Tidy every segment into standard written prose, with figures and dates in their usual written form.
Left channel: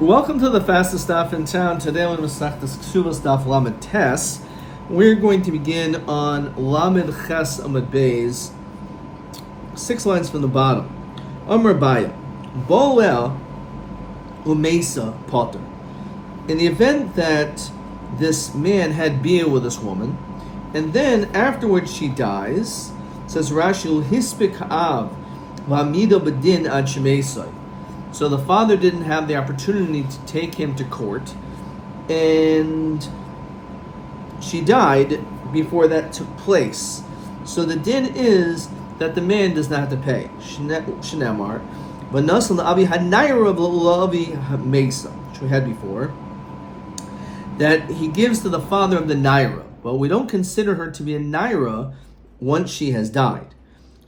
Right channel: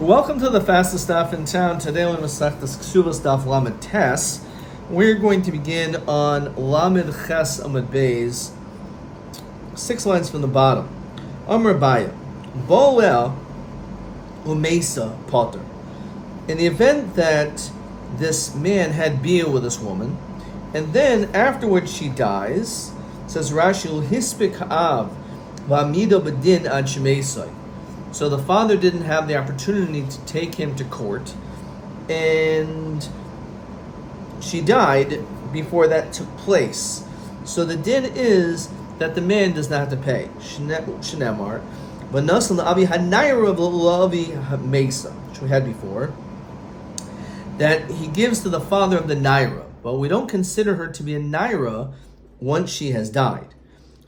Welcome to the fastest stuff in town. Today we're going to start this Ketubot stuff Lamed Tes. We're going to begin on Lamed Ches Amud Beis, 6 lines from the bottom. Rabbi, Boel Umesa Potter. In the event that this man had beer with this woman, and then afterwards she dies, says Rashi, Hispik Av V'Amida B'Din Ad Shemesai. So the father didn't have the opportunity to take him to court, and she died before that took place. So the din is that the man does not have to pay. Shneamar, v'nasal Abi Hanayra V'Lavi Mesa, which we had before, that he gives to the father of the Naira, but we don't consider her to be a Naira once she has died.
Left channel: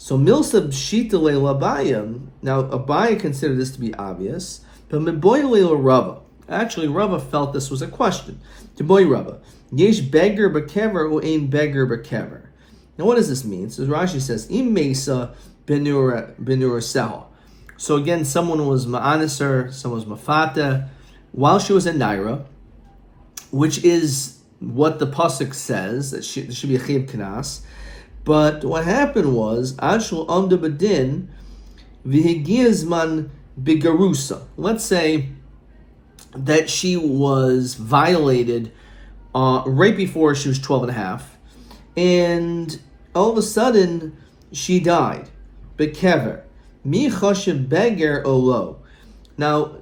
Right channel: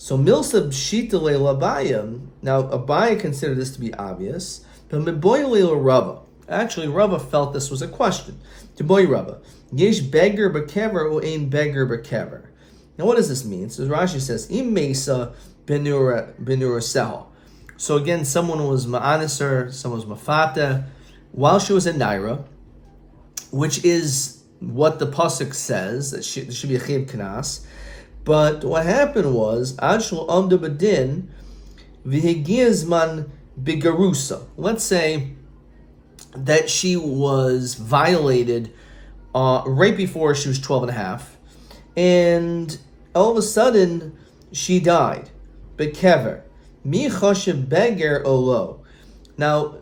So Milsa B'Shitale Labayim, now Abai considered this to be obvious, but Meboyle Rava. Actually, Rava felt this was a question. To boy Rava, Yesh beggar b'kever or ain beggar b'kever. Now what does this mean? So Rashi says, Im Mesa benura sel. So again, someone was ma'aniser, someone was mafata, while she was in Naira, which is what the pasuk says, that there should be a chiv kanas. But what happened was, Adshul Amda Badin Vihigizman Bigarusa. Let's say that she was violated right before she was 12 and a half, and all of a sudden she died. Bekever. Mi choshev beger olo. Now,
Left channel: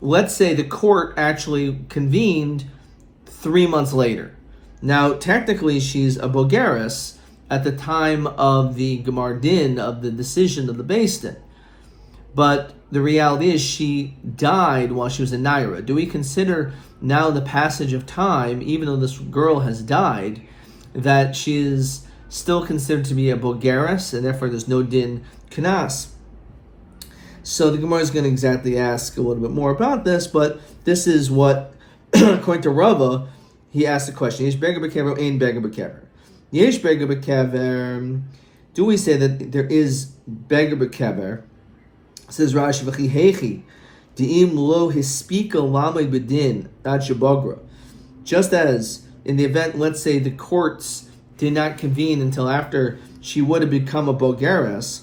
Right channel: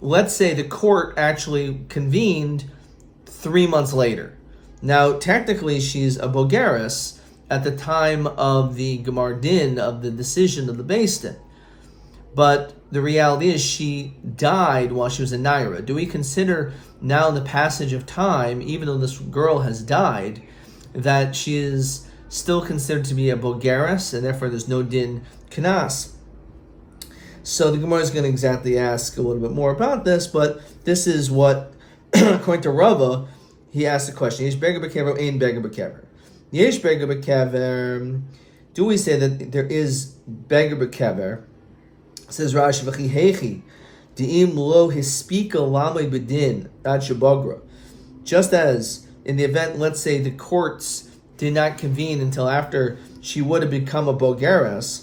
let's say the court actually convened 3 months later. Now, technically she's a bogeres at the time of the Gemar Din, of the decision of the Beis Din. But the reality is she died while she was in Naira. Do we consider now in the passage of time, even though this girl has died, that she is still considered to be a Bogeres, and therefore there's no Din Kanas? So the Gemara is going to exactly ask a little bit more about this, but this is what, according to Rava, he asked the question, Yesh Beger B'Kever, Ein Beger B'Kever. Yesh Beger B'Kever, do we say that there is Beger B'Kever? Says Rashi, V'chi Hechi, Di'im lo hispika lamay b'din ad shabagra. Just as in the event, let's say the courts did not convene until after she would have become a bogeres.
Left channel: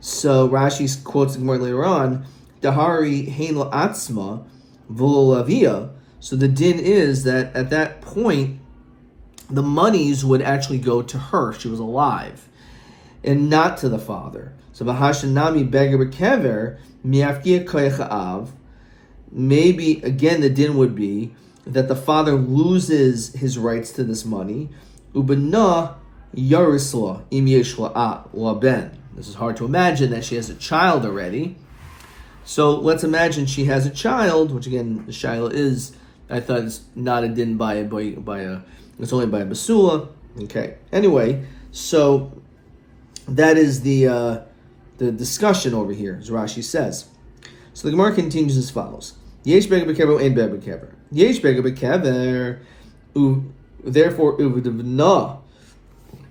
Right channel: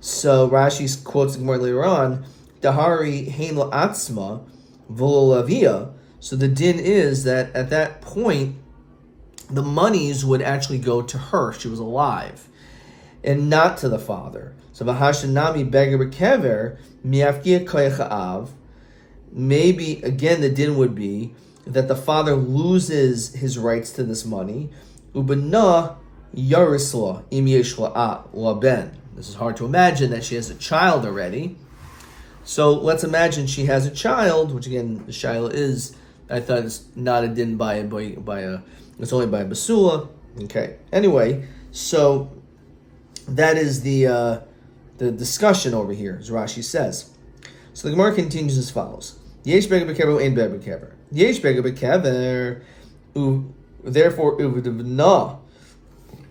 So Rashi quotes the Gemara later on, Dahari hein lo atzma v'lo lavia. So the din is that at that point, the monies would actually go to her. She was alive, and not to the father. So v'hashanami beger b'kever miafkia koyach av. Maybe again the din would be that the father loses his rights to this money. Ubena yarisla im yeshla la ben. This is hard to imagine that she has a child already. So let's imagine she has a child, which again the shaila is, I thought it's not a din by a. It's only by a basula. Okay. Anyway, so that is the discussion over here, as Rashi says. So the Gemara continues as follows: Yesh beger b'kever ein beger b'kever. Yesh beger b'kever, therefore uvdevna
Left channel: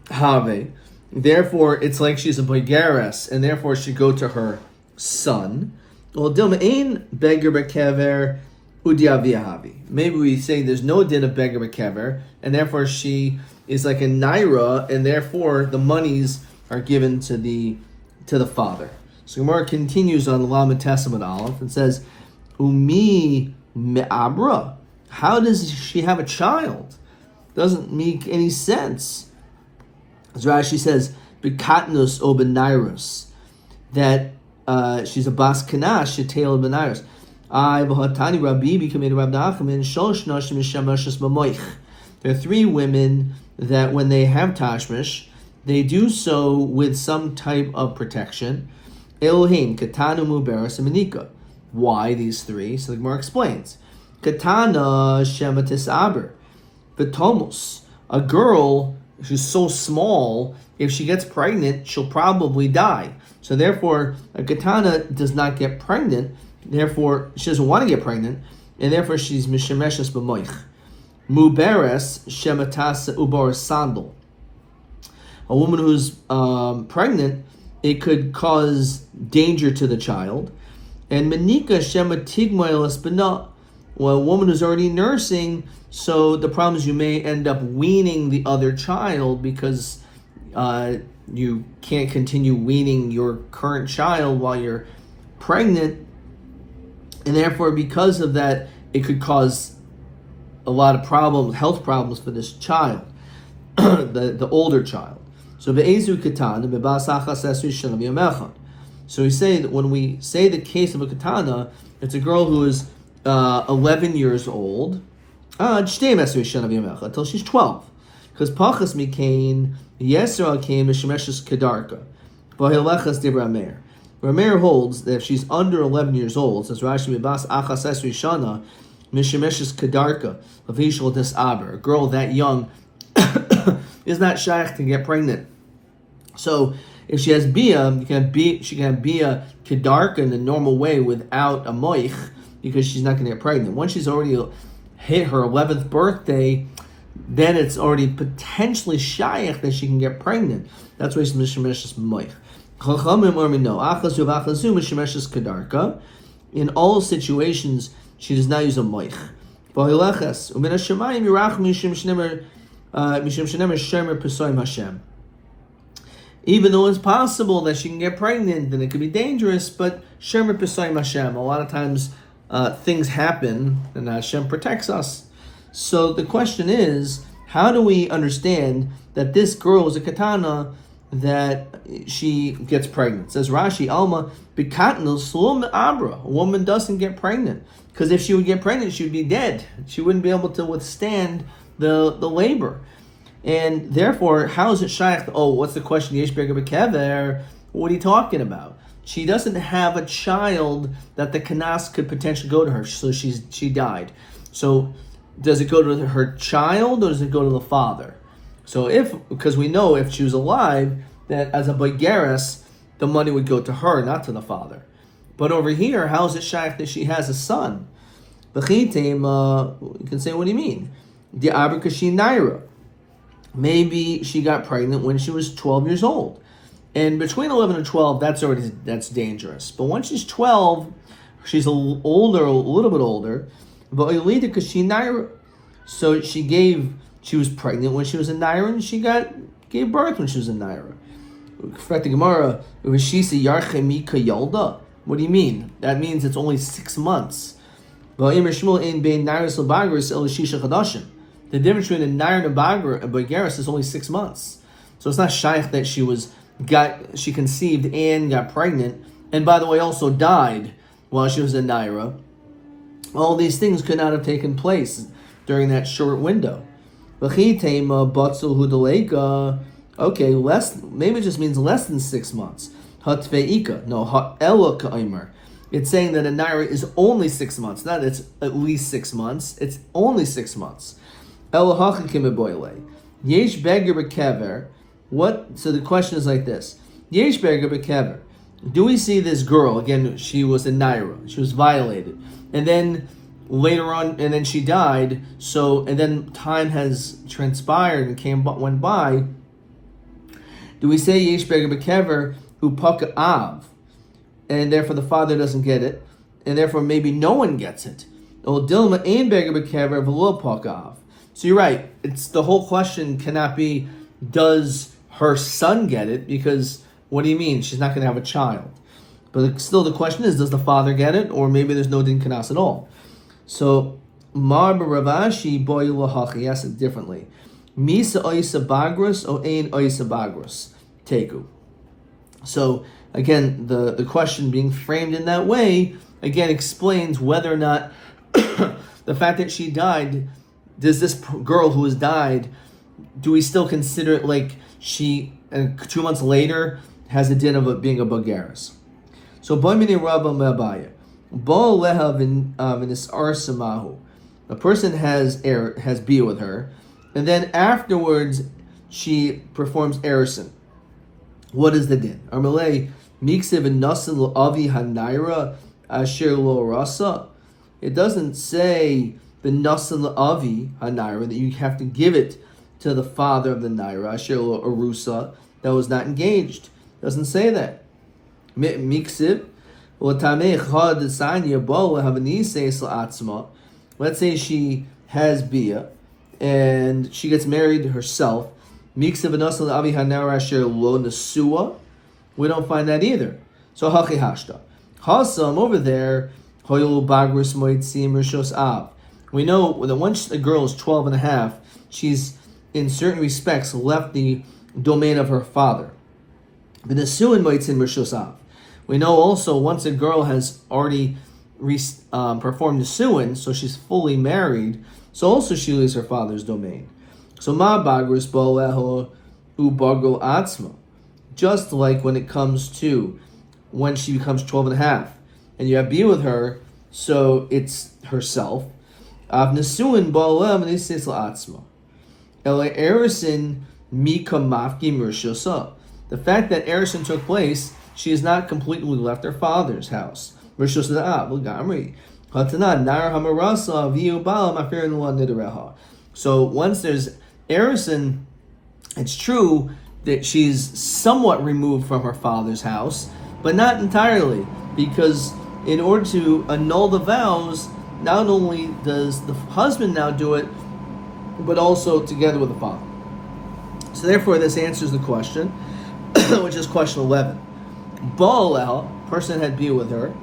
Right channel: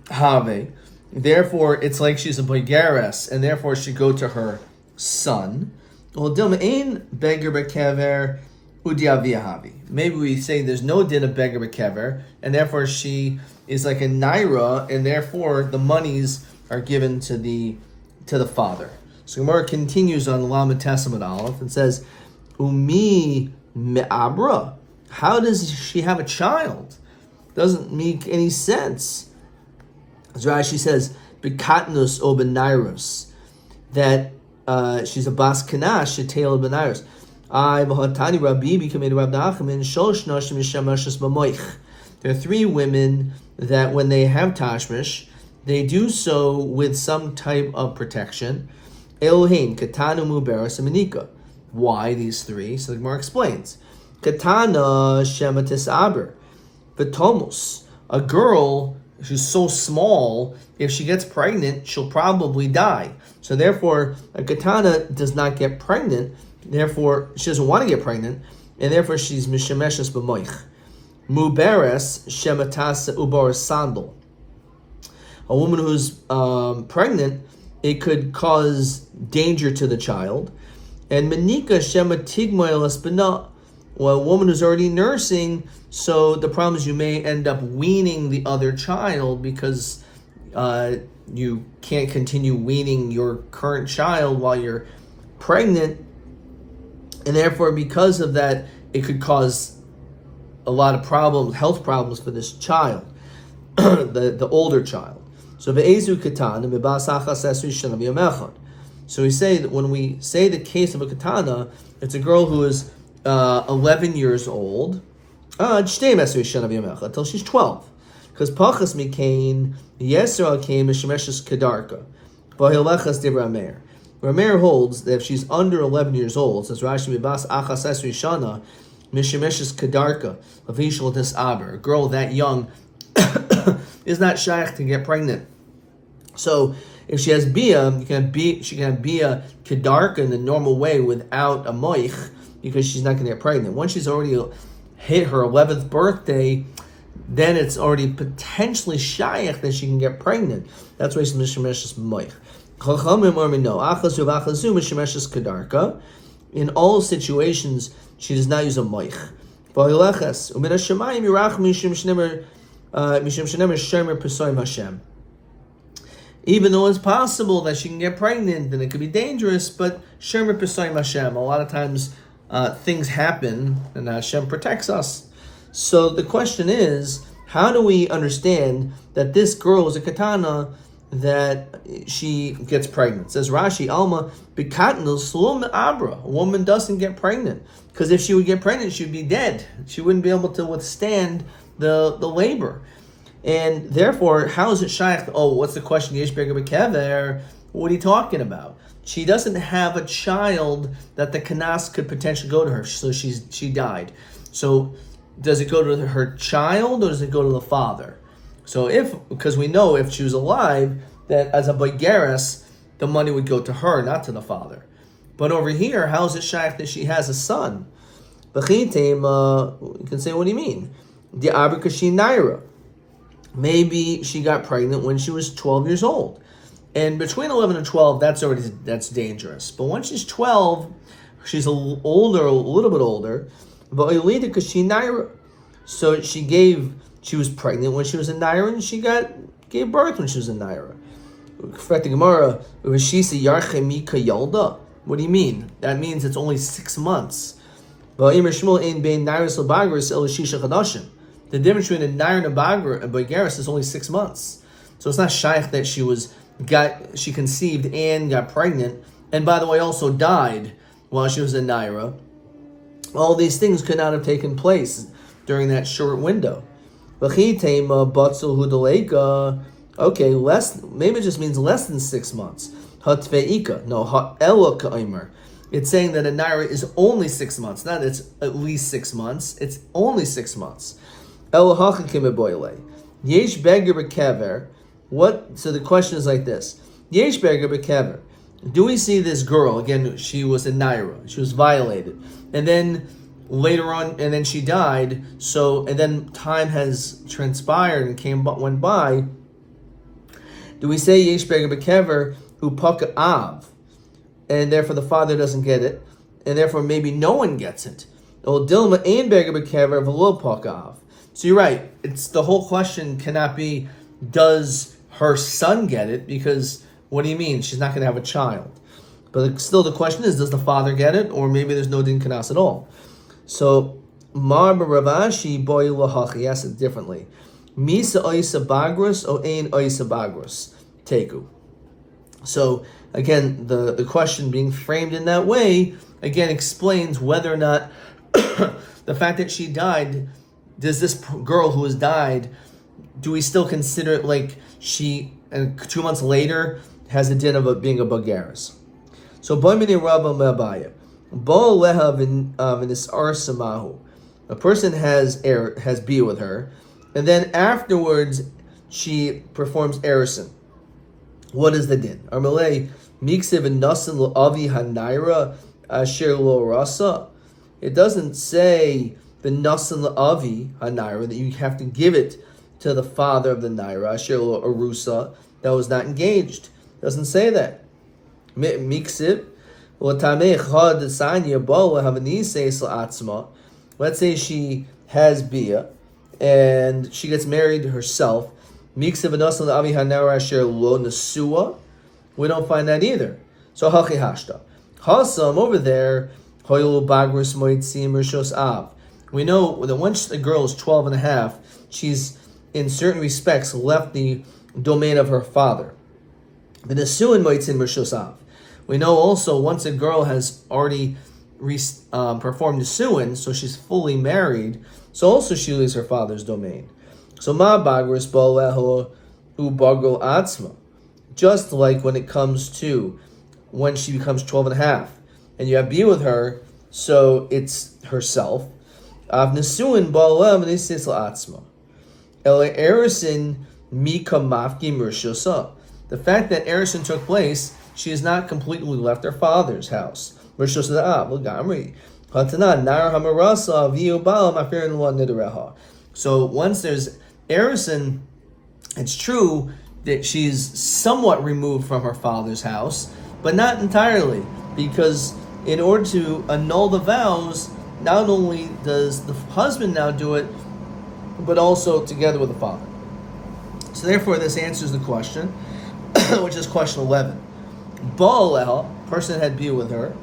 have. Therefore, it's like she's a bogeres, and therefore she go to her son. Well, dilma ein beger b'kever. Maybe we say there's no din of beger b'kever, and therefore she is like a naira, and therefore the monies are given to the father. So Gemara continues on the Lamed Tes Amud Aleph and says, Umi me'abra. How does she have a child? Doesn't make any sense. As Rashi says, Bekatnus o benairos, that she's a bas kanash, shetel benairos. Rabbi became Rabbi Nachman. There are 3 women that when they have tashmish, they do so with some type of protection. Elohim, Katana, Muberas, and Manika. Why these 3? So the Gemara explains. Katana Shematis Aber. V'tomos. A girl who's so small, if she gets pregnant, she'll probably die. So therefore, a katana does not get pregnant. Therefore, she doesn't want to get pregnant, and therefore she's mishemeshes b'moich. Muberes shematas ubar sandal. A woman who's pregnant, it could cause danger to the child. And Menika Shema Tigmoilas Bana, well, a woman who's already nursing, so the problem is you may end up weaning the other child because you can't continue weaning your current child while you're pregnant, and therefore because of that it could cause a lot of problems, health problems for this child, the older child. So ve'ezu katana be'basachas esri shana. So we say that when we say the case of a katana, it's a girl who is 11 years old until she's 12. Because pachas mikain yesra came mishmeshes kedarka, v'hilechas dibra meir. Rameir holds that if she's under 11 years old, says Rashi mibas achas esri shana mishmeshes kedarka v'vishal disaber. A girl that young is not shaykh to get pregnant. So if she has bia, she can have bia kedarka in the normal way without a moich, because she's not going to get pregnant. Once she's already hit her 11th birthday, then it's already potentially shaykh that she can get pregnant. That's why it's mishmeshes moich. In all situations, she does not use a moich. Even though it's possible that she can get pregnant and it could be dangerous, but Shemer Pesayim Hashem, a lot of times things happen and Hashem protects us. So the question is, how do we understand that this girl is a katana, that she gets pregnant? It says Rashi, Alma, Bikatnil Slum Abra. A woman doesn't get pregnant. Because if she would get pregnant, she would be dead. She wouldn't be able to withstand the labor. And therefore, how is it shaykh? Oh, what's the question? Yesh Berger Bekever. What are you talking about? She doesn't have a child that the kanas could potentially go to her. So she died. So does it go to her child or does it go to the father? So because we know if she was alive, that as a boigeres, the money would go to her, not to the father. But over here, how is it shaykh that she has a son? You can say, what do you mean? The Abrikashi Naira. Maybe she got pregnant when she was 12 years old. And between 11 and 12, that's dangerous. But once she's 12, she's a little bit older. But so she was pregnant when she was a Naira, and she gave birth when she was a Naira. What do you mean? That means it's only 6 months. The difference between a Nair and a Boigeres is only 6 months. So it's not shaykh that she conceived and got pregnant, and by the way also died while she was a Naira. All these things could not have taken place during that short window. Okay, maybe it just means less than 6 months. It's saying that a Naira is only 6 months, not it's at least 6 months, it's only 6 months. Yesh Beger Bekever. So the question is like this. Yesh Beger Bekever. Do we see this girl, again, she was a Naira, she was violated, and then later on, and then she died, and then time has transpired and went by. Do we say Yesh Beger Bekever Upaka Av, and therefore the father doesn't get it, and therefore maybe no one gets it? Or Dilma Ein Beger Bekever V'lo Paka Av. So you're right. It's the whole question cannot be, does her son get it? Because what do you mean? She's not going to have a child. But still the question is, does the father get it? Or maybe there's no din kanas at all. So Mar Ravashi boy lahachi asks it differently. Misa oisa bagros o ein oisa bagros teku. So again, the question being framed in that way again explains whether or not the fact that she died. Does this girl who has died, do we still consider it like she, 2 months later, has the din of being a Boigeres? So, a person has bia with her, and then afterwards she performs erison. What is the din? It doesn't say the Nasan Avi HaNaira, that you have to give it to the father of the Naira, Asher Arusa, that was not engaged. Doesn't say that. Miksiv, Let's say she has bia and she gets married herself. We don't find that either. So hachi hashta. Hasam over there. We know that once a girl is 12 and a half, she's in certain respects left the domain of her father. We know also once a girl has already performed the suin, so she's fully married, so also she leaves her father's domain. So ma bagris bo ubago atzma. Just like when it comes to when she becomes 12 and a half, and you have be with her, so it's herself. The fact that Erison took place, she has not completely left her father's house. So once there's Erison, it's true that she's somewhat removed from her father's house, but not entirely, because in order to annul the vows, not only does the husband now do it, but also together with the father. So therefore, this answers the question, which is question 11. Baal, person had been with her,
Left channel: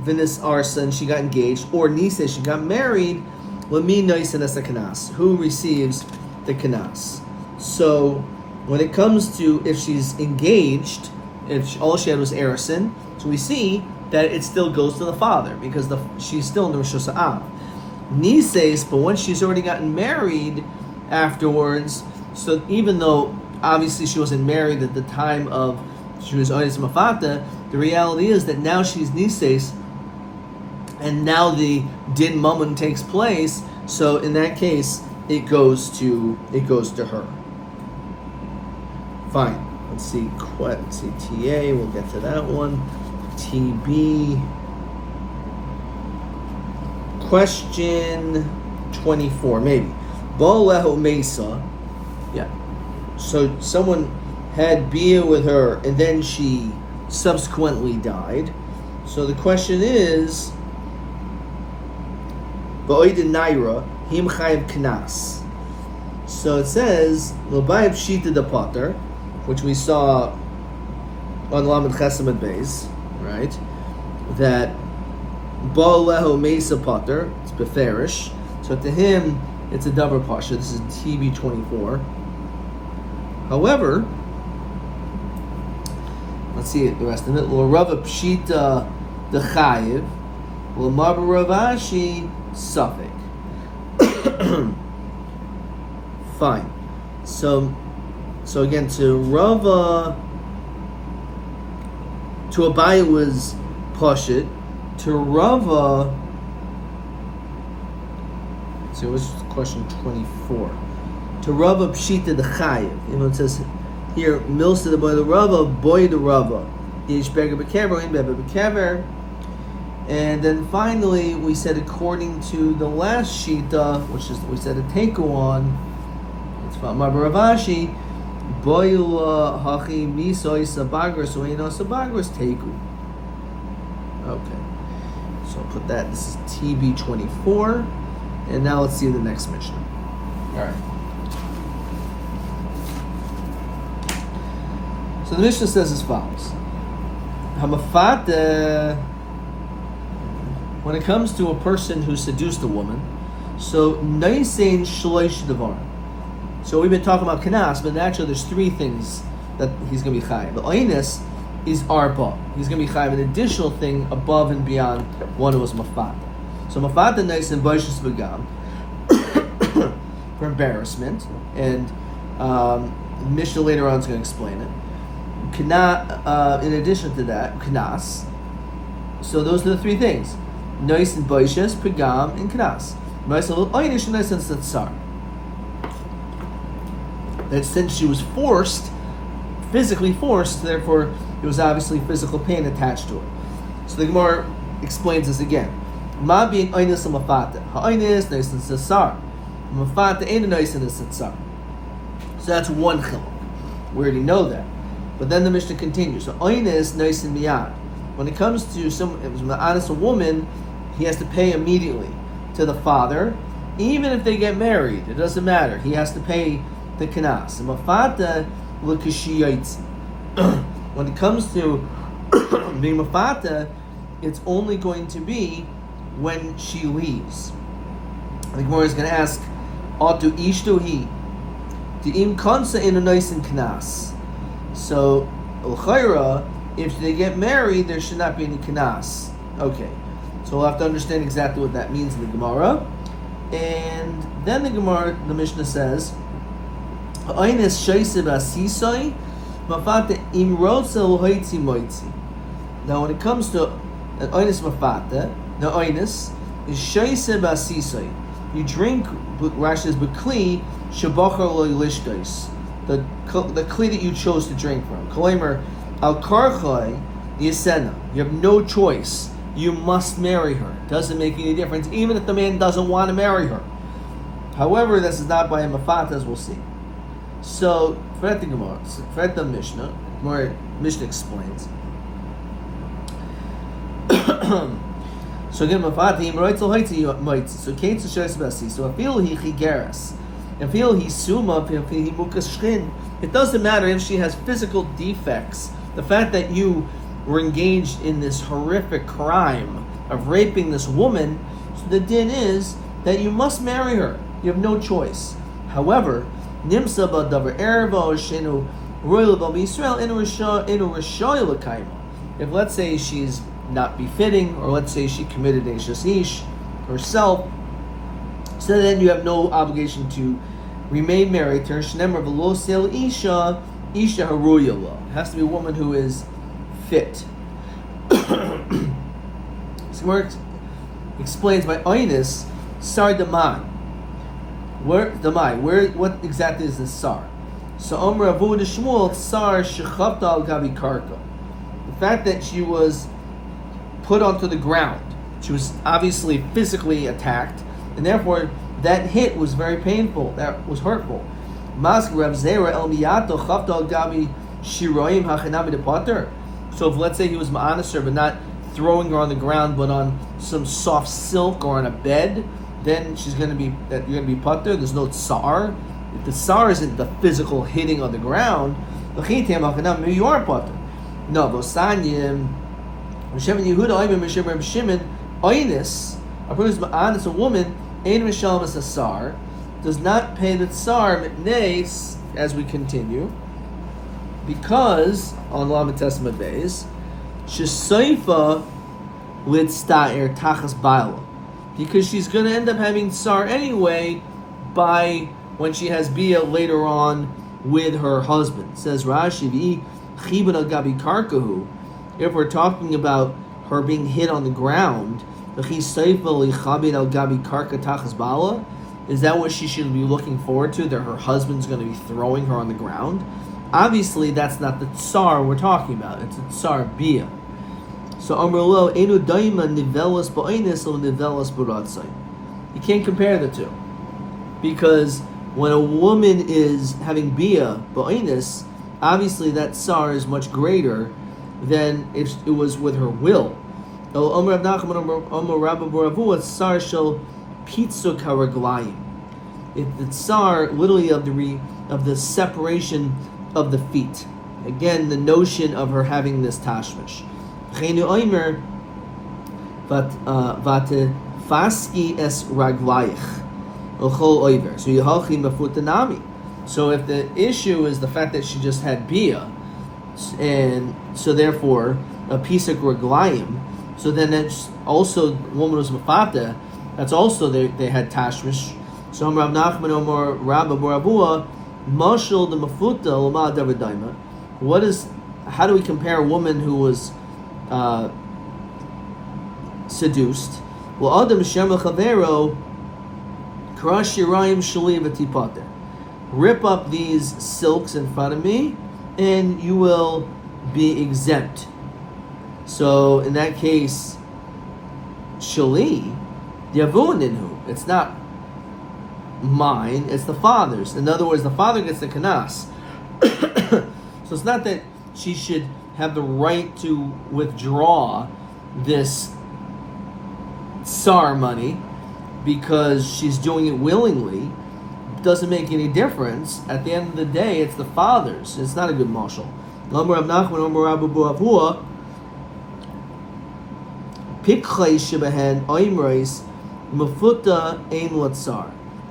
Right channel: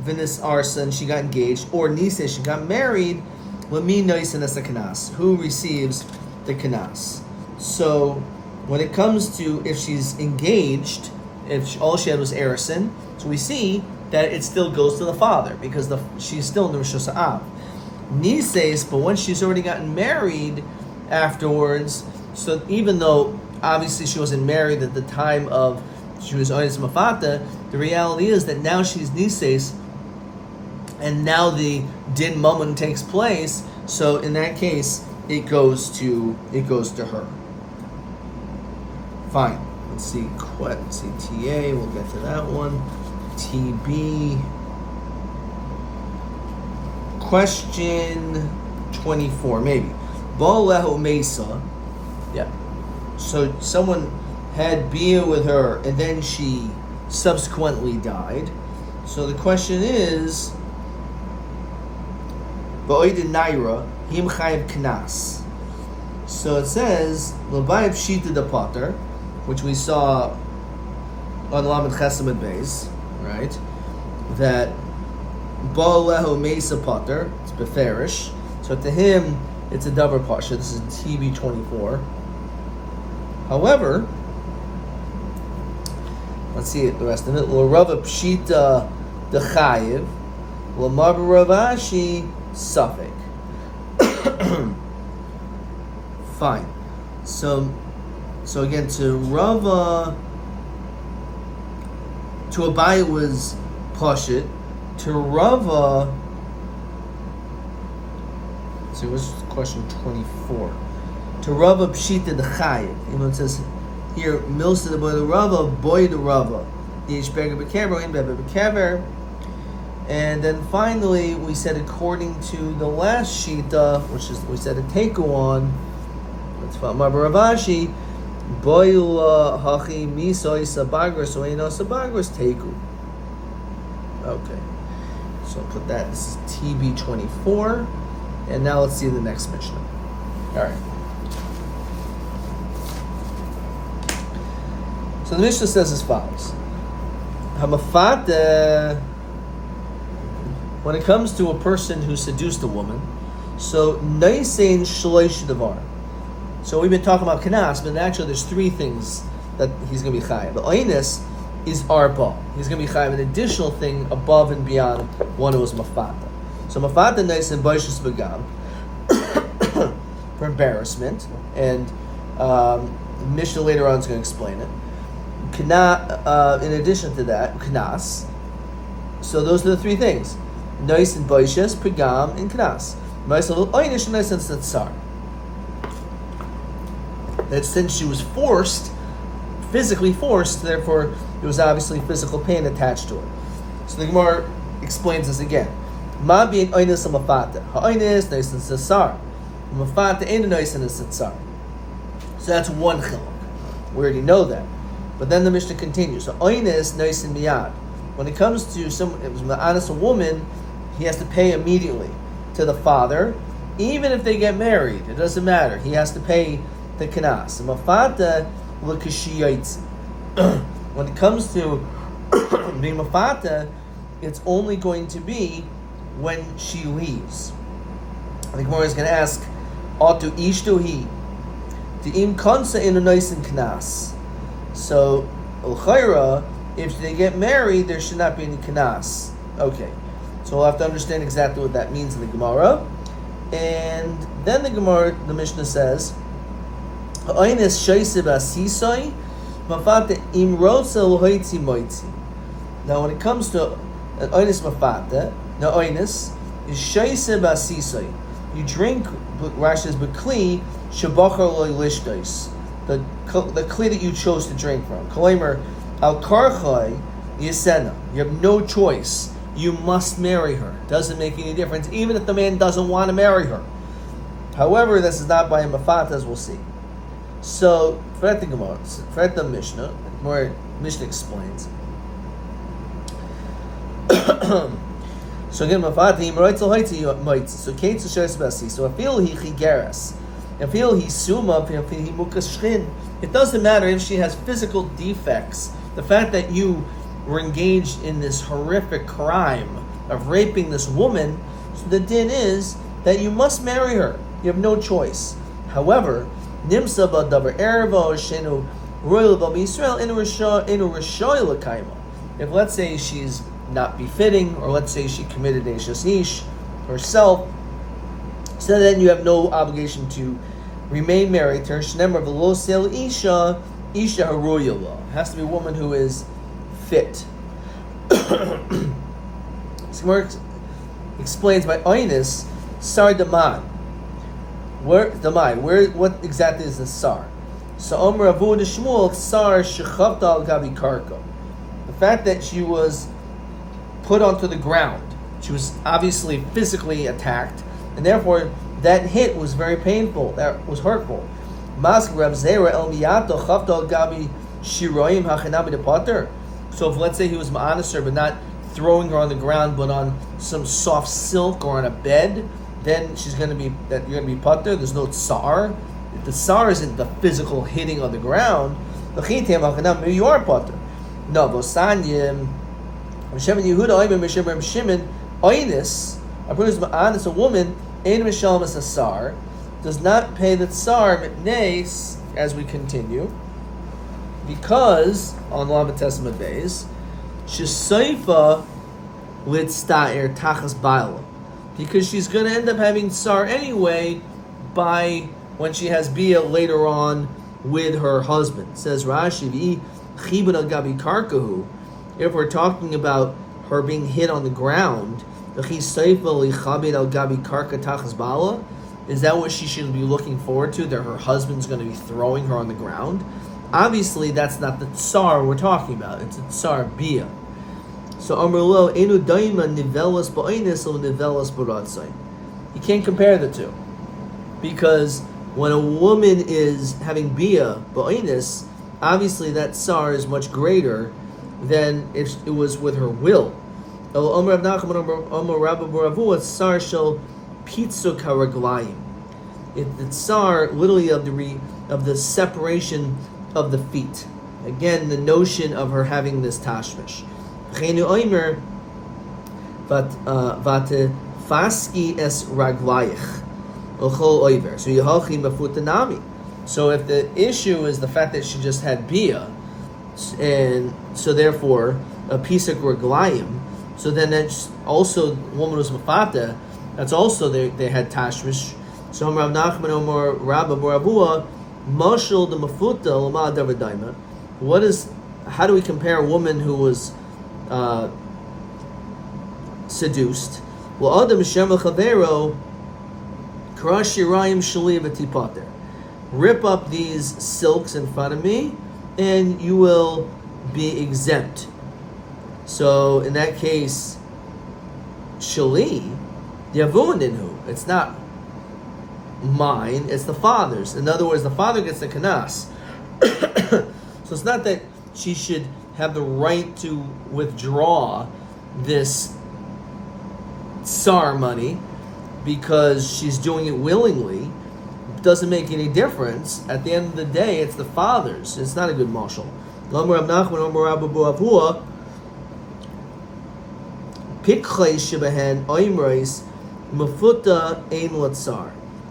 Vinis Arson, she got engaged, or Nise, she got married, Lami Noisin as a kanas, who receives the kanas. So when it comes to if she's engaged, if all she had was Erison, so we see that it still goes to the father because she's still in the Rosh Hashanah. Nises, but once she's already gotten married afterwards, so even though obviously she wasn't married at the time of she was Oyes Mafata, the reality is that now she's Nises, and now the Din Mammon takes place. So in that case, it goes to her. Fine. Let's see TA. We'll get to that one. TB. Question 24, maybe. Bo'lehu Mesa. Yeah. So someone had bia with her, and then she subsequently died. So the question is, Ba'oidin Naira, Him Chayiv Knas. So it says, Lobayib Shita the Potter, which we saw on Lamed Chesamad Beis, right? That Ba'alehu Mesa Potter, it's Beferish. So to him, it's a double pasha. This is TB 24. However, let's see the rest of it. L'Rava Pshita the Chayiv, L'Mar Ravashi Suffolk. Fine. So again, to Rava, to Abaye was Pashit. To Rava, so it was question 24. To Rava Pshita the Chayiv. You know, it says here, Milsa the boy the Rava, boy the Rava. Yesh Beger Bekever, in Beber Bekever. And then finally, we said according to the last Shita, which is we said a Teku on, it's about Mabaravashi, Boyula Hachi Misoy Sabagras, Oino Sabagras Teku. Okay. So I'll put that, this is TB 24. And now let's see the next Mishnah. Alright. So the Mishnah says as follows. Hamafate, when it comes to a person who seduced a woman, so Naisein Shloish Devar. So we've been talking about Kanas, but actually there's three things that he's going to be chayav. But Oines is Arba. He's going to be chayav an additional thing above and beyond one who was Mafata. So Mafata Naisein Boishus Begam for embarrassment, and Mishnah later on is going to explain it. Kana, in addition to that, Kanas. So those are the three things. Nice and Boishes, Pagam, and Knas. Nice and Oinish, and nice and Satsar. That since she was forced, physically forced, therefore there was obviously physical pain attached to it. So the Gemara explains this again. Ma being Oinis and Mafata. Ha'oinis, nice and Satsar. Mafata ain't a nice and Satsar. So that's one chiluk. We already know that. But then the Mishnah continues. So Oinis, nice and Miyad. When it comes to someone, it was an honest woman, he has to pay immediately to the father, even if they get married. It doesn't matter. He has to pay the kanas. When it comes to being mafata, it's only going to be when she leaves. The Gemara is going to ask, "Atu ishtuhi, im kansa in a nice and kanas." So, l'chayra, if they get married, there should not be any kanas. Okay, so we'll have to understand exactly what that means in the Gemara. And then the Mishnah says, "Ha'aynes shaisib asisai, mafata im rotza l'hoitzi moitzi." Now, when it comes to an aynes mafata, the aynes is shaisib asisai. You drink, Rashi says, b'kli shabachar lo lishtais, the kli that you chose to drink from. Kalemer al karchai yisena. You have no choice. You must marry her. Doesn't make any difference, even if the man doesn't want to marry her. However, this is not by a mafata, as we'll see. So, for the Gemara, for the Mishnah, where Mishnah explains. So again, mafati mroitzel haiti moitz. So Kate shows basi. So I feel he chigeras. I feel he suma. I feel he mukas shchin. It doesn't matter if she has physical defects. The fact that you were engaged in this horrific crime of raping this woman, so the din is that you must marry her. You have no choice. However, nimsa b'davar erva shenu royal b'Yisrael inu rishoy l'kaima. If let's say she's not befitting, or let's say she committed a shasish herself, so then you have no obligation to remain married to her. Shnemer v'lo sel isha haruya lo. It has to be a woman who is fit. So explains by Oinus sar damai. What exactly is the sar? So Omer Avu de Shmuel sar shechavta al gabi karka. The fact that she was put onto the ground, she was obviously physically attacked, and therefore that hit was very painful. That was hurtful. Mask Rav Zera el miyato chavta al gabi shiroim hachinami de pater. So if let's say he was ma'anis her, but not throwing her on the ground, but on some soft silk or on a bed, then you're going to be pater. There's no tsar. If the tsar isn't the physical hitting on the ground, maybe you are pater. No, Vosanyim, Hashem Yehuda, Oimim, Hashem Shimon, Oinis, a person who's ma'anis a woman, Ein Mishalm as a tsar, does not pay the tsar mitneis, as we continue, because on Lamed Testament days, Shesaifa Litzta'er Tachas Baila, because she's going to end up having tsar anyway by when she has bia later on with her husband. Says Rashi, Chibun al Gabi Karkahu. If we're talking about her being hit on the ground, is that what she should be looking forward to? That her husband's going to be throwing her on the ground? Obviously, that's not the tsar we're talking about. It's a tsar bia. So Amrlo enu daima nivelas ba'inus or nivelas baratzai. You can't compare the two, because when a woman is having bia ba'inus, obviously that tsar is much greater than if it was with her will. Omer Rav Nachman Omer Rabbi Boravu tsar shel pitzuk haraglayim. The tsar literally of the separation of the feet. Again, the notion of her having this tashmish. Chenu Omer vate faski es raglayich ochol oiver. So yhalchin bafutanami. So if the issue is the fact that she just had bia, and so therefore a piece of raglayim, so then that's also woman was mafata. That's also they had tashmish. So Rav Nachman Omer Rabba Boravua Mashal the mafuta lama davadaima. How do we compare a woman who was seduced? Well, Adam Shema Chavero Karash Yirayim Shali V'Tipater. Rip up these silks in front of me, and you will be exempt. So in that case, Shali Yavuninhu. It's not mine, it's the father's. In other words, the father gets the kanas. So it's not that she should have the right to withdraw this tsar money because she's doing it willingly. Doesn't make any difference. At the end of the day, it's the father's. It's not a good mashal.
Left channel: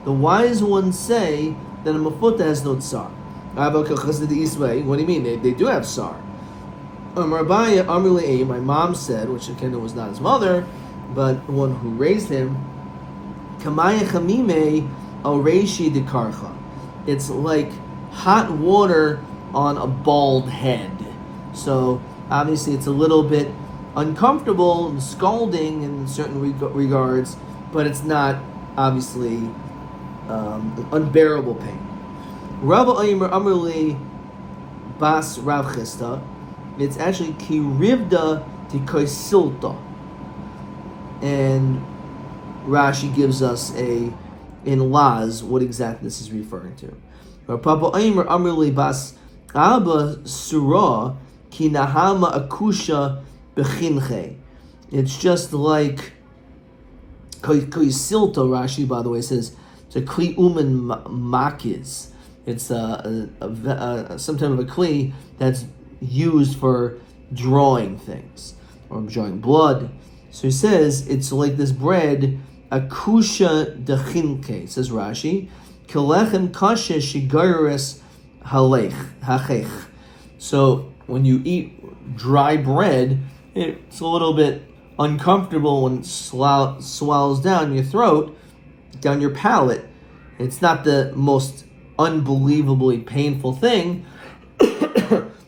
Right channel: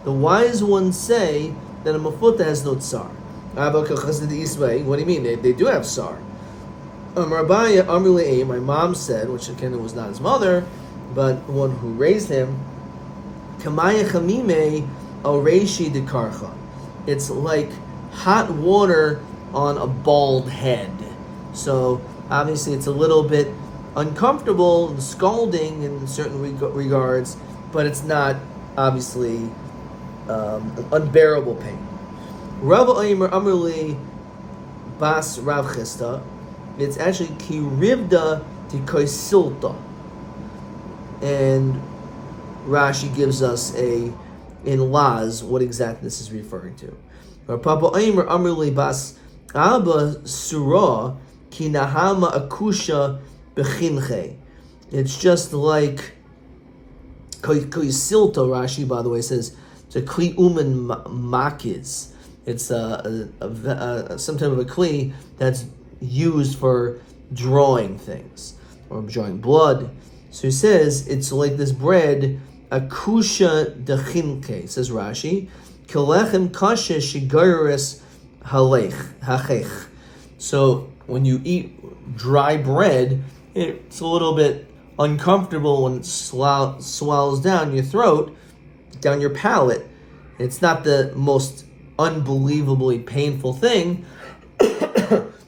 The wise ones say that a mafuta has no tsar. What do you mean? They do have tsar. Rabbi, my mom said, which again was not his mother, but one who raised him, Kamaya Chamime Oreshi de Karcha. It's like hot water on a bald head. So obviously it's a little bit uncomfortable and scalding in certain regards, but it's not obviously unbearable pain. Rabbi Amrli Bas Rav Chista. It's actually Kirivda de Koisilta. And Rashi gives us in Laz what exactly this is referring to. Papa Aimer Amrli Bas Abba Surah Ki Nahama Akusha Bechinche. It's just like Koisilta, Rashi, by the way, says it's a Kli Uman Makiz. It's some type of a Kli that's used for drawing things or drawing blood. So he says it's like this bread, akusha dechinke, says Rashi, kelechem kasha shigaris hachech. So when you eat dry bread, it's a little bit uncomfortable when it swallows down your throat, down your palate. It's not the most unbelievably painful thing.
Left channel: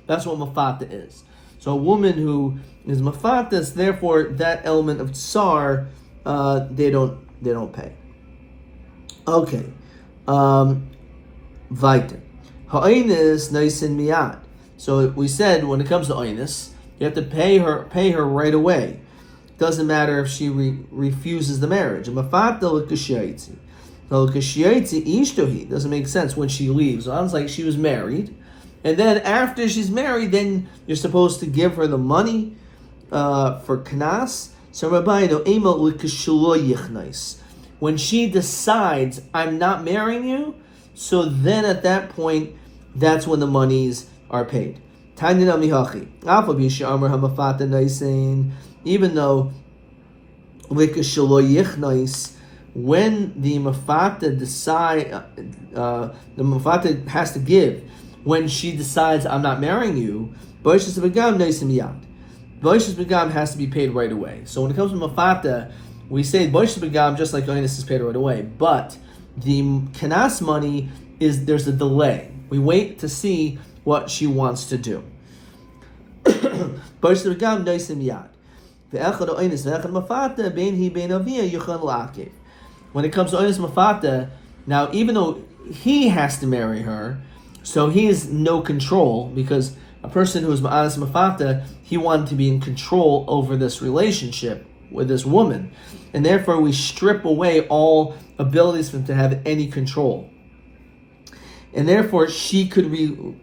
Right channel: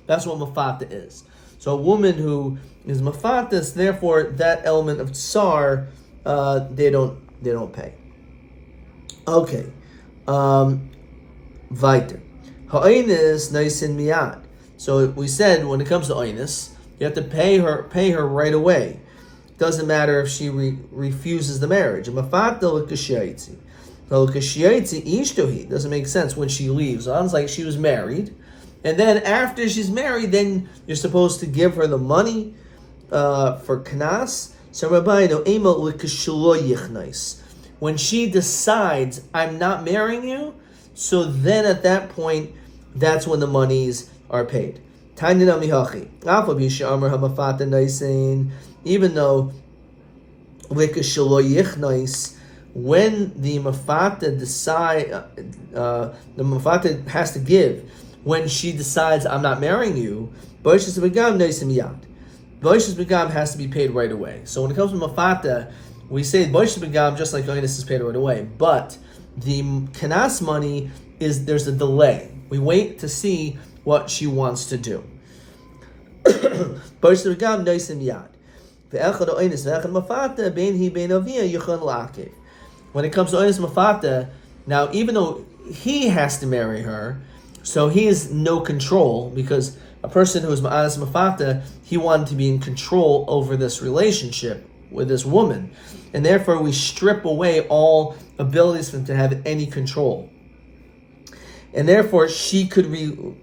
That's what mafata is. So a woman who is mafatas, therefore that element of tsar, they don't pay. Okay, weiter. Ha'inus naisin miyad. So we said when it comes to Ainus, you have to pay her right away. Doesn't matter if she refuses the marriage. Mafata l'kashiyitzi. L'kashiyitzi ishtohi. Doesn't make sense when she leaves. Sounds like she was married. And then after she's married, then you're supposed to give her the money for knas. So Rabbi, when she decides, I'm not marrying you, so then at that point, that's when the monies are paid. Even though when the mafata the mafata has to give, when she decides, I'm not marrying you, Boishas Begam Noisim Yad. Boishas Begam has to be paid right away. So when it comes to Mafata, we say Boishas Begam just like Oinus is paid right away. But the Kanas money there's a delay. We wait to see what she wants to do. Boishas Begam Noisim Yad. Ve'echad Oinus ve'echad Mafata bein hi bein aviyah yuchon la'akiv. When it comes to Oinus Mafata, now even though he has to marry her, so he has no control, because a person who is ma'anas mafata, he wanted to be in control over this relationship with this woman. And therefore we strip away all abilities for him to have any control. And therefore she could remove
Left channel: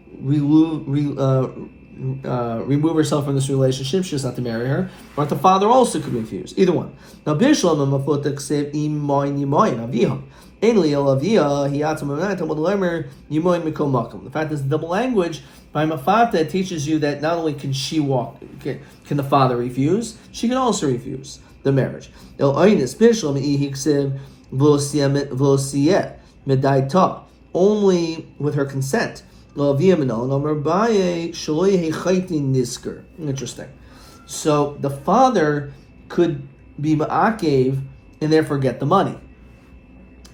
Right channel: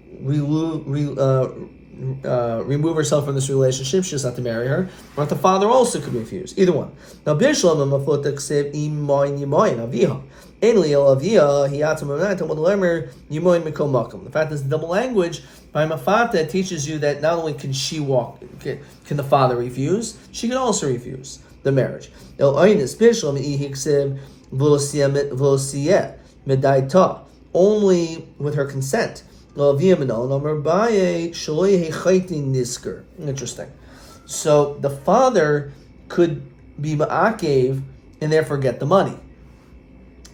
herself from this relationship. She doesn't have to marry her. Or the father also could refuse. Either one. Now, Bishlam and Mafota ksev imoin aviha. The fact is, double language by Mafata teaches you that not only can she can the father refuse, she can also refuse the marriage. Only with her consent. Interesting. So the father could be ma'akev and therefore get the money.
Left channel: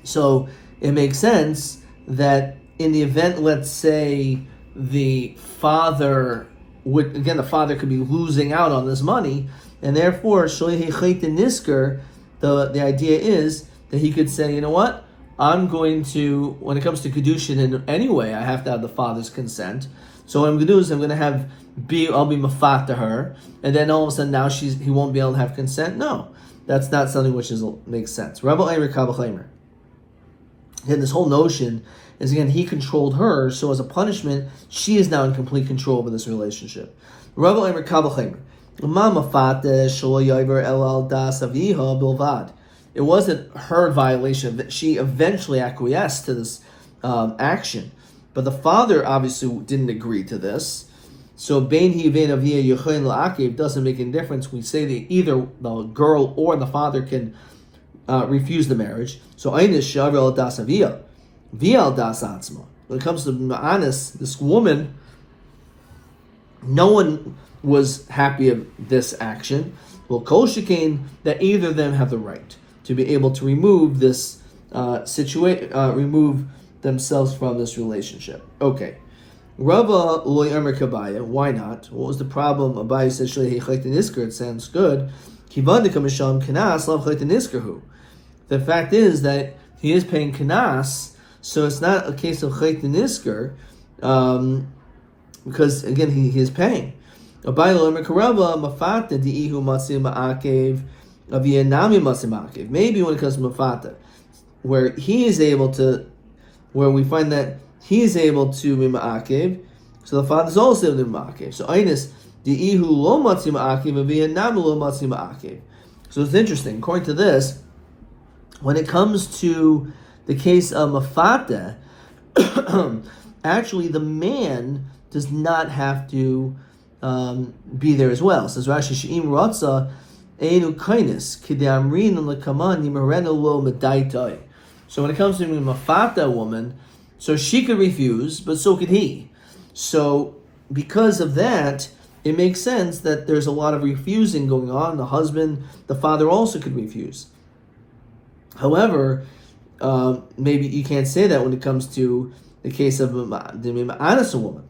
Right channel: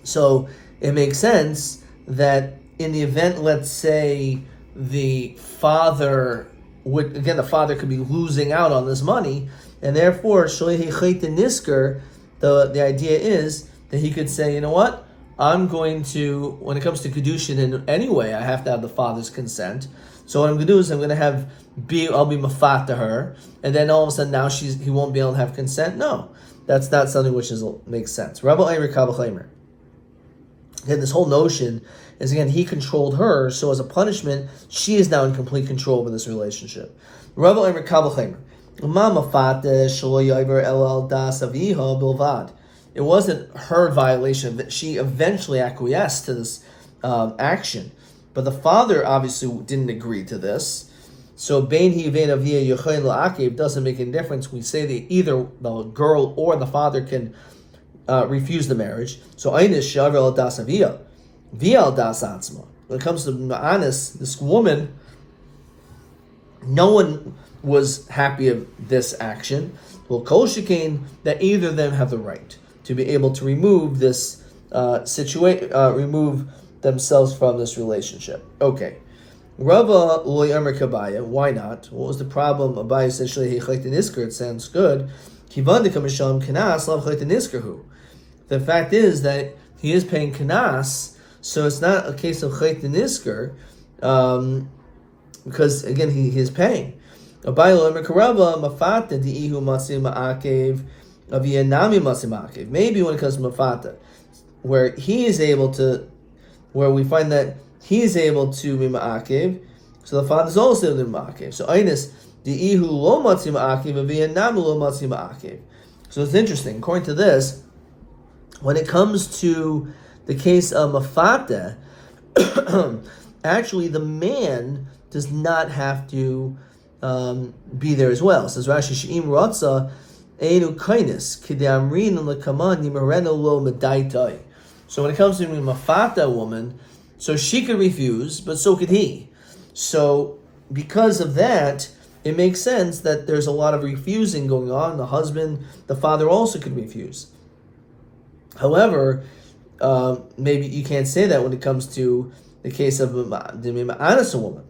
So it makes sense that in the event, let's say, the father could be losing out on this money, and therefore, the idea is that he could say, you know what, I'm going to, when it comes to Kedushin anyway, I have to have the father's consent. So what I'm going to do is I'll be mafat to her, and then all of a sudden now he won't be able to have consent. No, that's not something which makes sense. Rabbi Eimer Kabbalah. Again, this whole notion is, again, he controlled her, so as a punishment, she is now in complete control of this relationship. Rabbi Omer Kabel Mama Fata Shlo Yover El Das Aviha Bilvad. It wasn't her violation that she eventually acquiesced to this action, but the father obviously didn't agree to this. So Bein Hi Vein Avia Yochain La'akev doesn't make any difference. We say that either the girl or the father can refuse the marriage. So Einish Shaver El Das Avia Via El Das Atzma. When it comes to Ma'anis, this woman, no one was happy of this action. Well, Kol Shekain, that either of them have the right to be able to remove this remove themselves from this relationship. Okay. Rava loy Amar Kabaya, why not? What was the problem? Abaya said Shlei Chayt Nisker, it sounds good. Kivadika Misham Kanas Lav Chayt Niskerhu. The fact is that he is paying Kanas, so it's not a case of Chayt Nisker, because again he is paying. Abaya loy Amar Karaba Mafata Diihu Matsim Ma'akev. Maybe when it comes to Mafata, where he is able to, where we find that he is able to be Ma'akev, so the father is also able to be Ma'akev. So Einis, the Ihu lo Matzi Ma'akev, and Vietnam lo Matzi Ma'akev. So it's interesting. According to this, when it comes to the case of Mafata, actually the man does not have to be there as well. It says Rashi She'im Ratza. So when it comes to being Mafata woman, so she could refuse, but so could he. So because of that, it makes sense that there's a lot of refusing going on. The husband, the father also could refuse. However, maybe you can't say that when it comes to the case of the Ma'anis woman,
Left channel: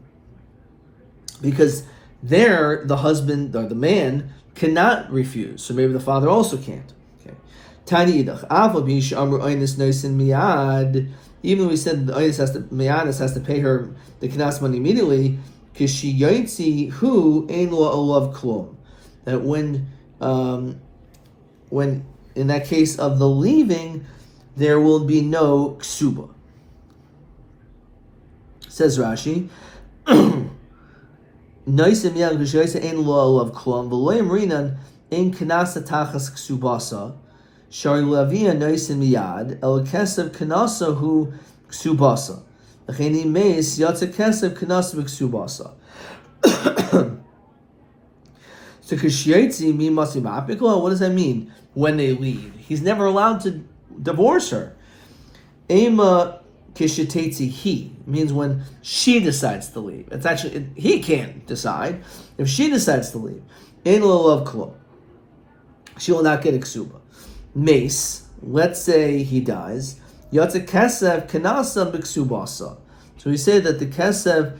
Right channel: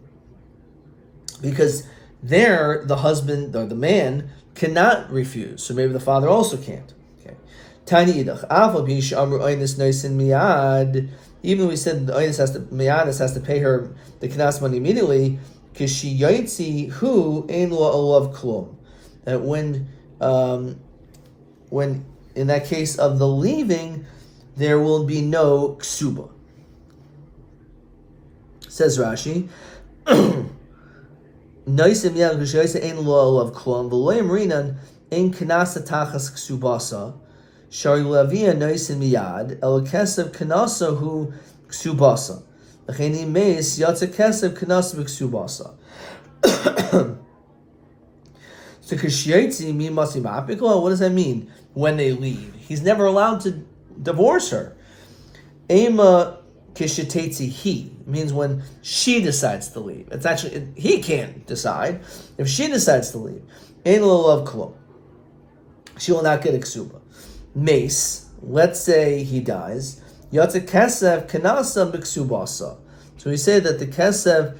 because there the husband or the man cannot refuse, so maybe the father also can't. Okay. Tiny idach. Even though we said the Oinus has to pay her the Knas money immediately, that when in that case of the leaving, there will be no ksuba. Says Rashi. Noisim yang kushoysa ein lo of klom v'loyim rinan ein kanasa tachas ksubasa shari lavia noisim miyad el kesev kanasa hu ksubasa l'cheni meis yatsa kesev kanasa v'ksubasa. So kishayitzi mi masim apikla. What does that mean? When they leave, he's never allowed to divorce her. Ema kishitetzi he means when she decides to leave. It's actually he can't decide. If she decides to leave, ein lo love klum, she will not get a ksuba. Mace, let's say he dies. Yatsa kesev kanasa b'ksubasa. So we say that the kesev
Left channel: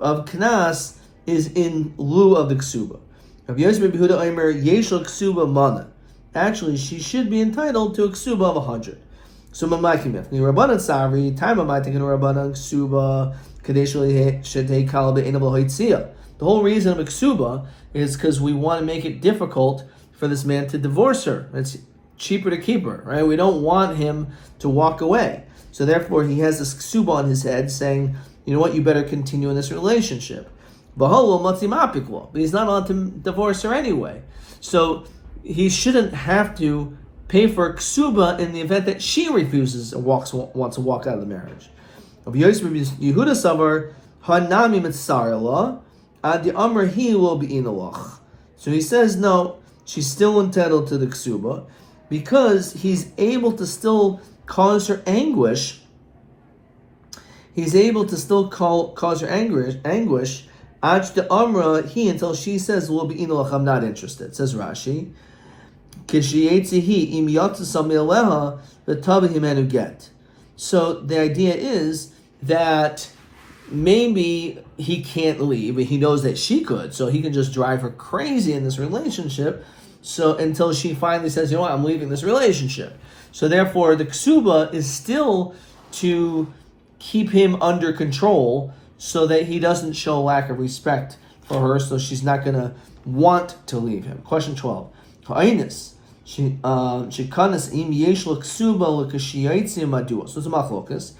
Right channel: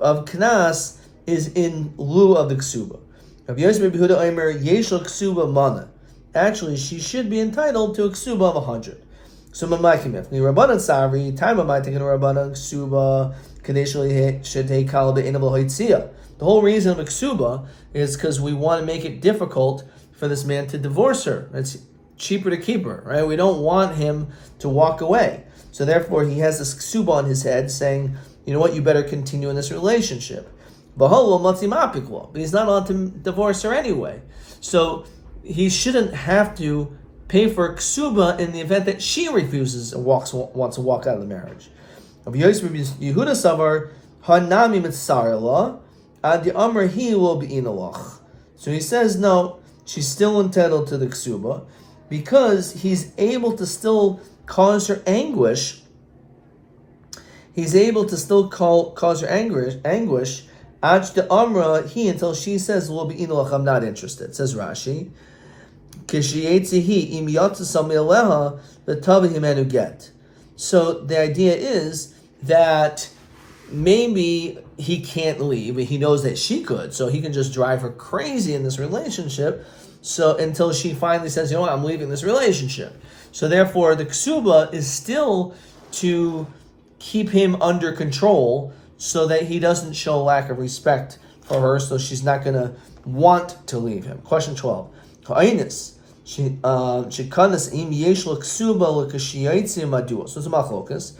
of kanas is in lieu of the ksuba. Rav Yosef Behuda Omer yeshel ksuba mana. Actually, she should be entitled to a ksuba of 100. So Mamakimif, the Rabbanan Savri, time of my taking a Rabbanan Ksuba, Kadeshli Shete Kalba Inable Hoitzia. The whole reason of a Ksuba is because we want to make it difficult for this man to divorce her. It's cheaper to keep her, right? We don't want him to walk away. So therefore, he has this Ksuba on his head saying, you know what, you better continue in this relationship. But he's not allowed to divorce her anyway. So he shouldn't have to pay for a ksuba in the event that she refuses and wants to walk out of the marriage. Yehuda Savar Hanami Mitzarela Ad Amr He will be inalach. So he says no, she's still entitled to the ksuba because he's able to still cause her anguish. He's able to still cause her anguish. Ad the Amra He until she says will be inalach. I'm not interested. Says Rashi. So the idea is that maybe he can't leave, but he knows that she could, so he can just drive her crazy in this relationship. So until she finally says, you know what, I'm leaving this relationship. So therefore, the ksuba is still to keep him under control, so that he doesn't show lack of respect for her. So she's not going to want to leave him. Question 12. So it's a machlokas.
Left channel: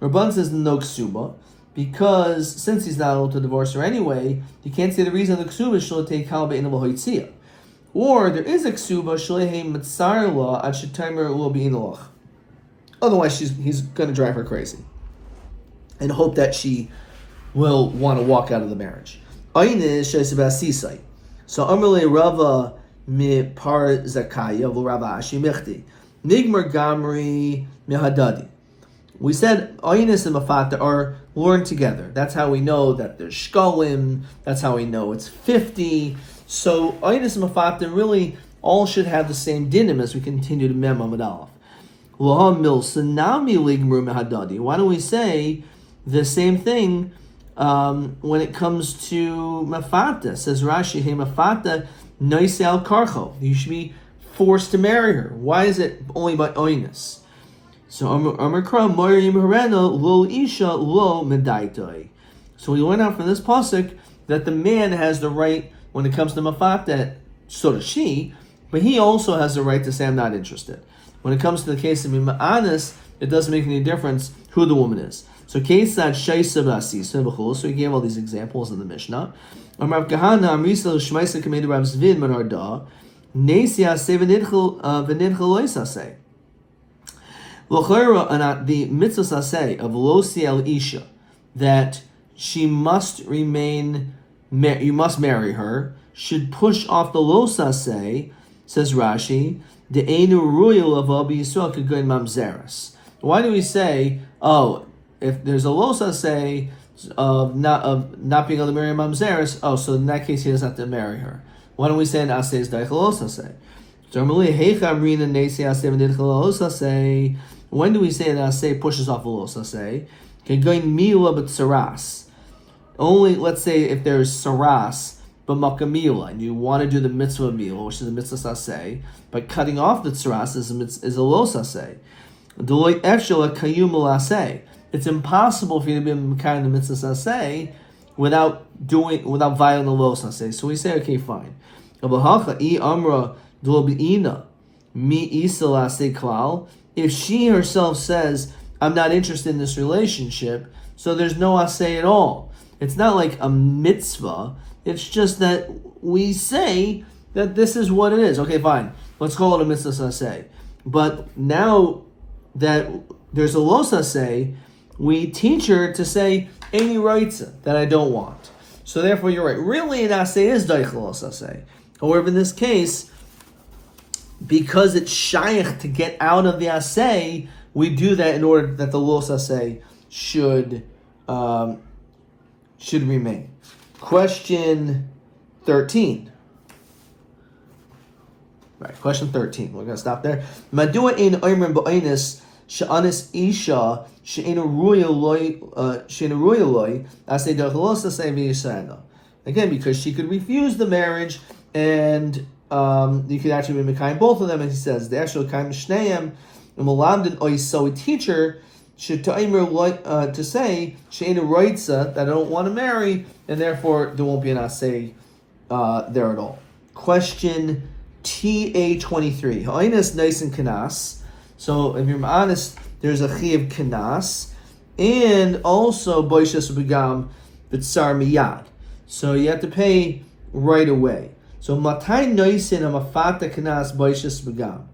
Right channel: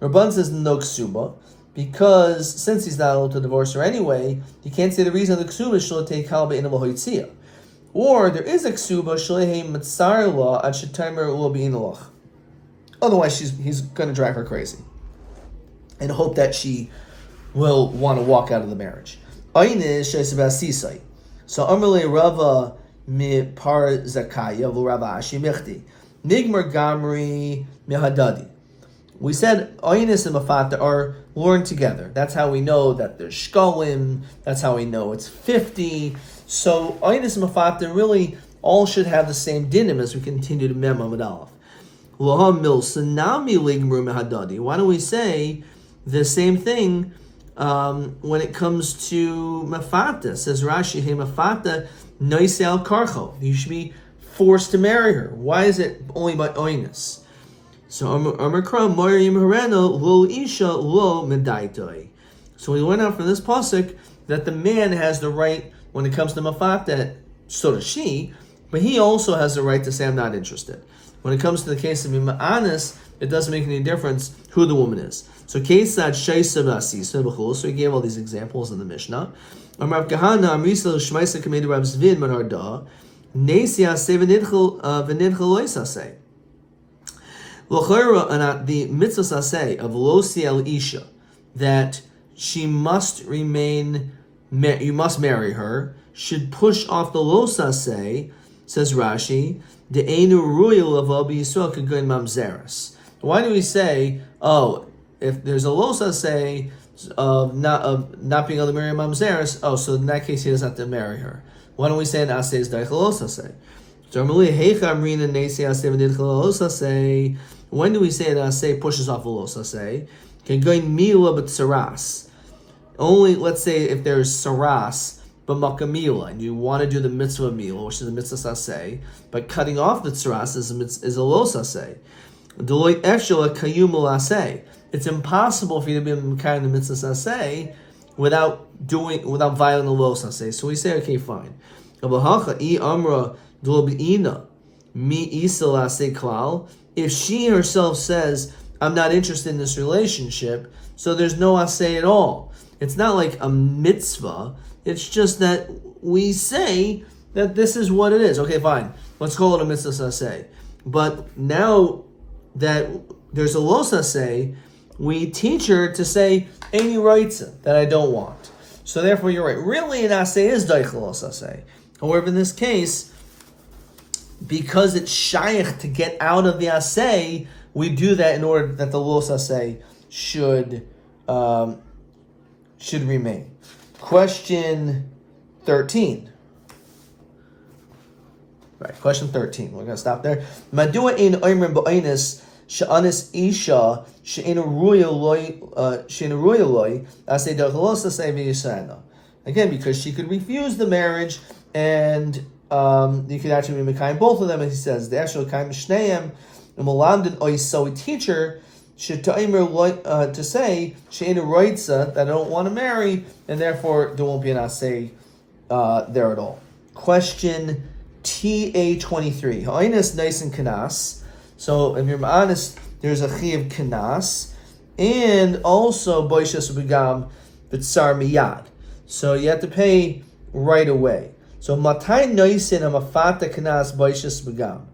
Rabban says no ksuba. because since he's not able to divorce her anyway, he can't say the reason of the ksuba shalotei kal be'inav hoitzia. Or there is a ksuba shalei matzar law ad shetimer lo be'inaloch. Otherwise, he's going to drive her crazy and hope that she will want to walk out of the marriage. So Amarle Rava mi par zakaya v'Rava Ashi michti nigmar gamri mihadadi. We said Aynis and Mafata are learned together. That's how we know that there's shkolim. That's how we know it's 50. So Aynis and Mafata really all should have the same dinim as we continue to Mem Amud Aleph. Why don't we say the same thing when it comes to Mafata? Says Rashi, hey Mafata noise al karcho. You should be forced to marry her. Why is it only by Aynis? So Amar Kram Maryam Harena lo isha lo medaitoi. So we learn out from this pasuk that the man has the right when it comes to Mafata, so does she, but he also has the right to say I'm not interested. When it comes to the case of Mima'anis, it doesn't make any difference who the woman is. So Kesad Shaisa Basisa B'chul. So he gave all these examples in the Mishnah. Amar Kahana Amrisa Shmaisa Kamed Rav Zvin Manarda Nesia Sevenidchel Venidchel Loisase. L'chayra the mitzvah saseh of Losi El Isha that she must remain. You must marry her. Should push off the lo saseh, says Rashi. The Einu Ruyal of Abi Yisrael could go in Mamzeres. Why do we say, if there's a losa say of not being able to marry Mamzeres, so in that case he doesn't have to marry her. Why don't we say an asay is daichalosa say? When do we say an asay pushes off a losa say? Can go in mila but saras. Only let's say if there's saras but makamila, and you want to do the mitzvah mila, which is the mitzvah saseh, but cutting off the tzaras is a lo saseh. It's impossible for you to be carrying the mitzvah saseh without violating the lo saseh. So we say, okay, fine. If she herself says, I'm not interested in this relationship, so there's no aseh at all. It's not like a mitzvah. It's just that we say that this is what it is. Okay, fine. Let's call it a mitzvah saseh. But now that there's a lo saseh, we teach her to say any rights that I don't want. So therefore, you're right. Really, an aseh is daichel lo saseh. However, in this case, because it's shaykh to get out of the aseh, we do that in order that the lo saseh should remain. Question 13. Right, question 13. We're going to stop there. Madua in oimrim ba'ainis she'anis isha she'enu ruya loy asay dachlos asay v'yisayna. Again, because she could refuse the marriage, and you could actually be mekayim both of them. And he says the actual kaim shneim and malamdin oy. So we teach her to say she'enu roitza that I don't want to marry, and therefore there won't be an asay there at all. Question TA23. Ha'inus nice and kanas. So if you're honest, there's a chiv kanas, and also boishas begam b'tzar miyad. So you have to pay right away. So matai noisin amafata kanas boishas begam.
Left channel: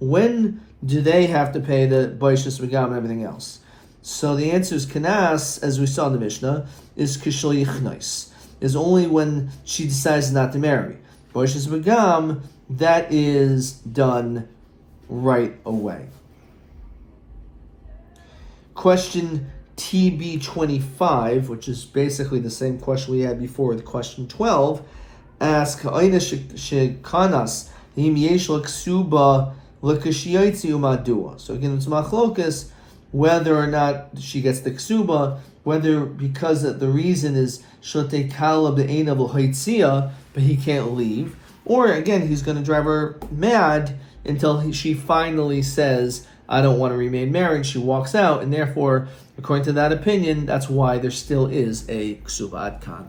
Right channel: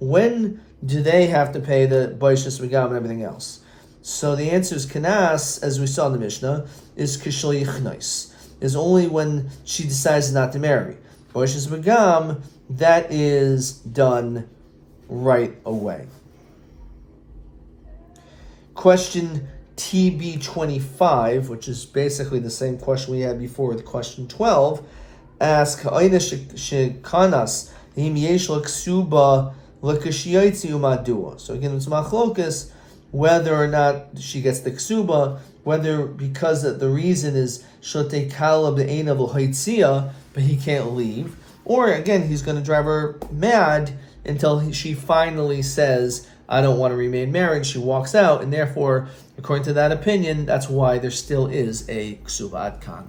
When do they have to pay the boishas begam and everything else? So the answer is kanas, as we saw in the Mishnah, is kishal yichnois. Is only when she decides not to marry. Boishas begam, that is done right away. Question TB25, which is basically the same question we had before with question 12, asks, so again, it's machlokas whether or not she gets the ksuba, whether because the reason is but he can't leave, or again, he's going to drive her mad until she finally says, I don't want to remain married. She walks out, and therefore, according to that opinion, that's why there still is a ksuba ad kan.